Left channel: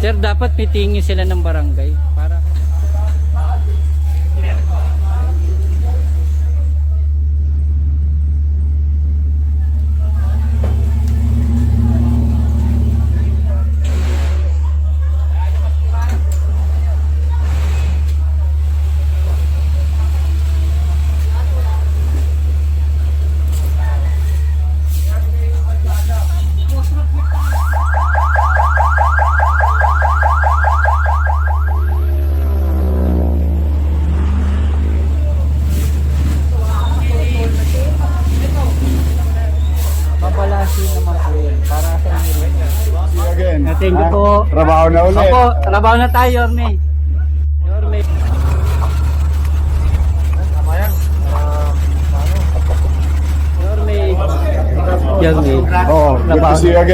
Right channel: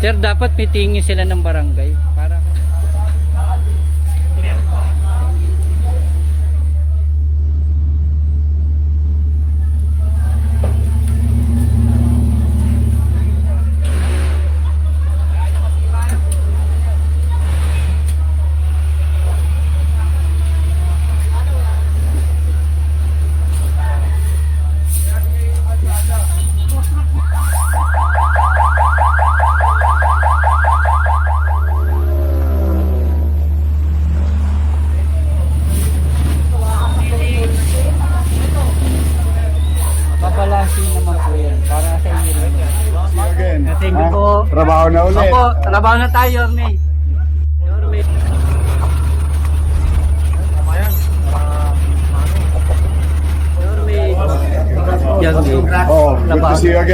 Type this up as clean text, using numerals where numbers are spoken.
Sir, dapat pitingin sila ng barangay para babalasin naman po yun para sa inyo rin. Again. Thank you Ha? po. Trabaho na ulit. Opo, trabaho na tayo, Yorme. Yorme. Oo, good to see you again.